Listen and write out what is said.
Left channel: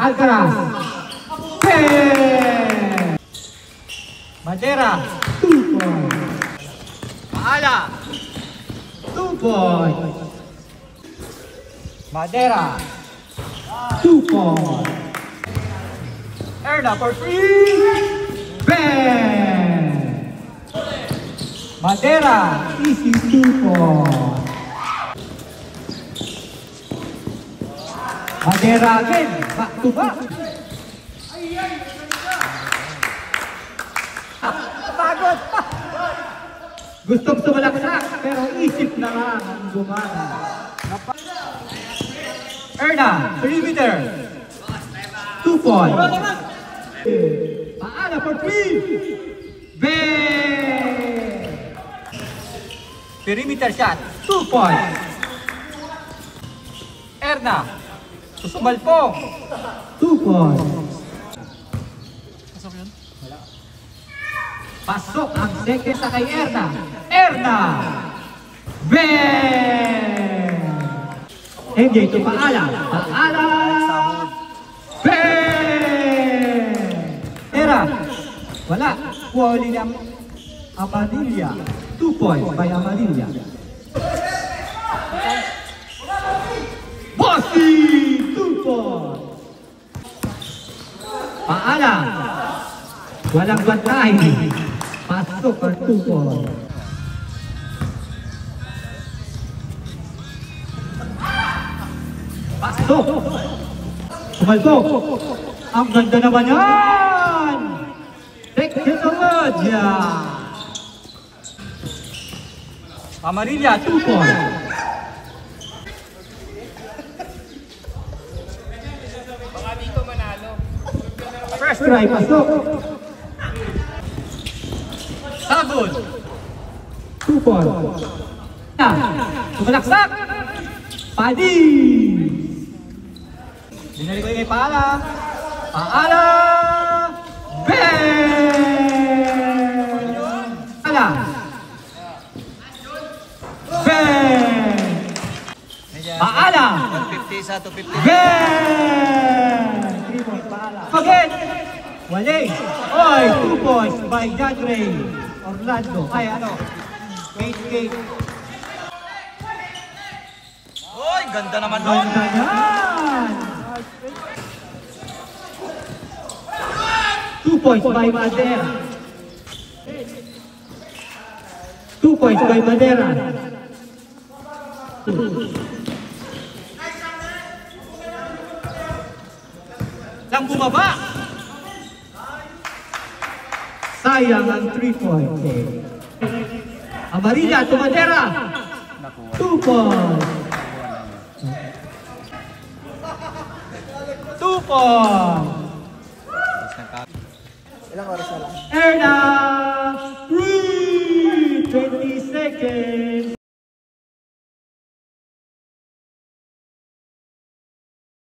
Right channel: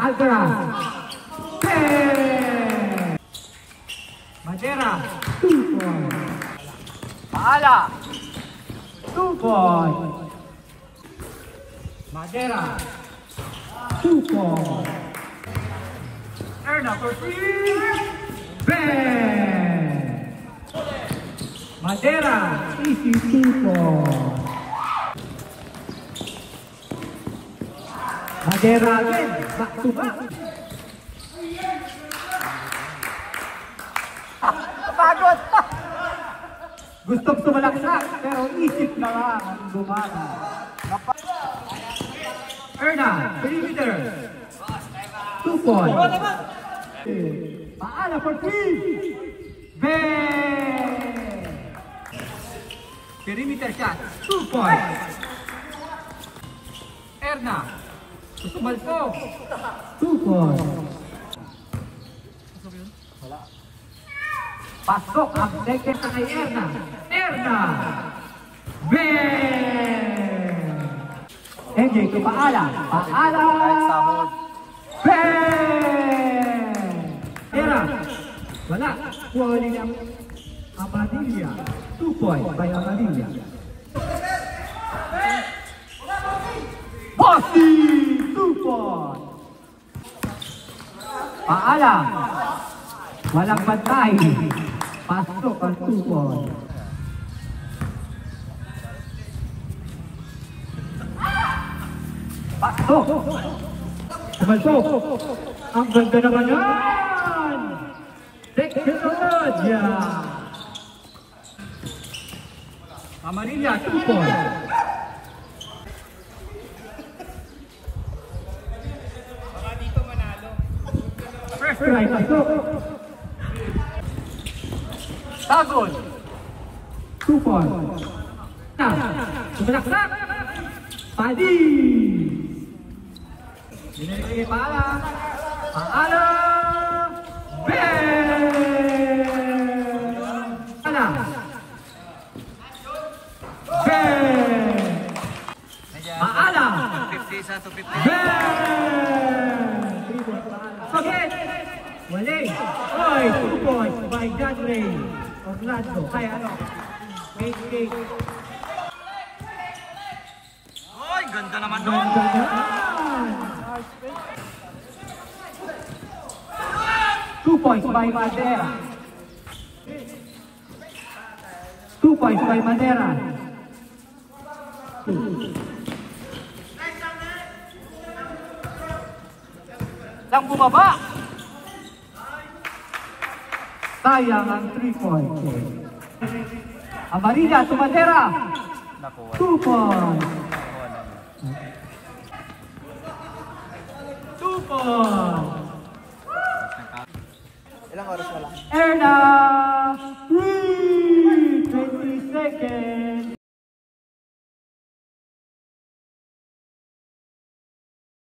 Alcaraz. Madera. 2 points. Paala. 2 points. Madera. 2 points. Erna for 3. Ben. Madera. Easy 2 points. Madera again. Back to back. Pagod. Gusto sumalaksak pero isip na lang ang gumana. Erna, perimeter. 2 points. Paala for 3. Ben. Perimeter shot. 2 points. Erna. Susumal po. 2 points. Pasok ang second sa kay Erna. Erna! Ben! MJ to Paala. Paala! Ben! Era! Wala. Kuha ang Amadilla. 2 points by Amadilla. Bossy! 2 points. Paala. Walang bantay. Pasok ang 2 points. Pasok. Sumalsok. Ang ganda naman yan. Teknolodya. Amarilla 2 points. First try, pasok. Sabon. 2 points. Sumalaksak. Padi. Binalik kay Paala. Paala. Ben. Paala. Ben. Paala. 150 sa 250. Ben. 3 points Paala. Again. Walay. Oy, 2 points by John Ray. Orlando. Ay, ano? Wait. Oy, ganda naman doon. Ganda yan. 2 points by Madera. 2 points by Madera. Lang bumaba. Sayang ang 3 points. Amarilla to Madera. 2 points. 2 points. Ilang oras na? Erna.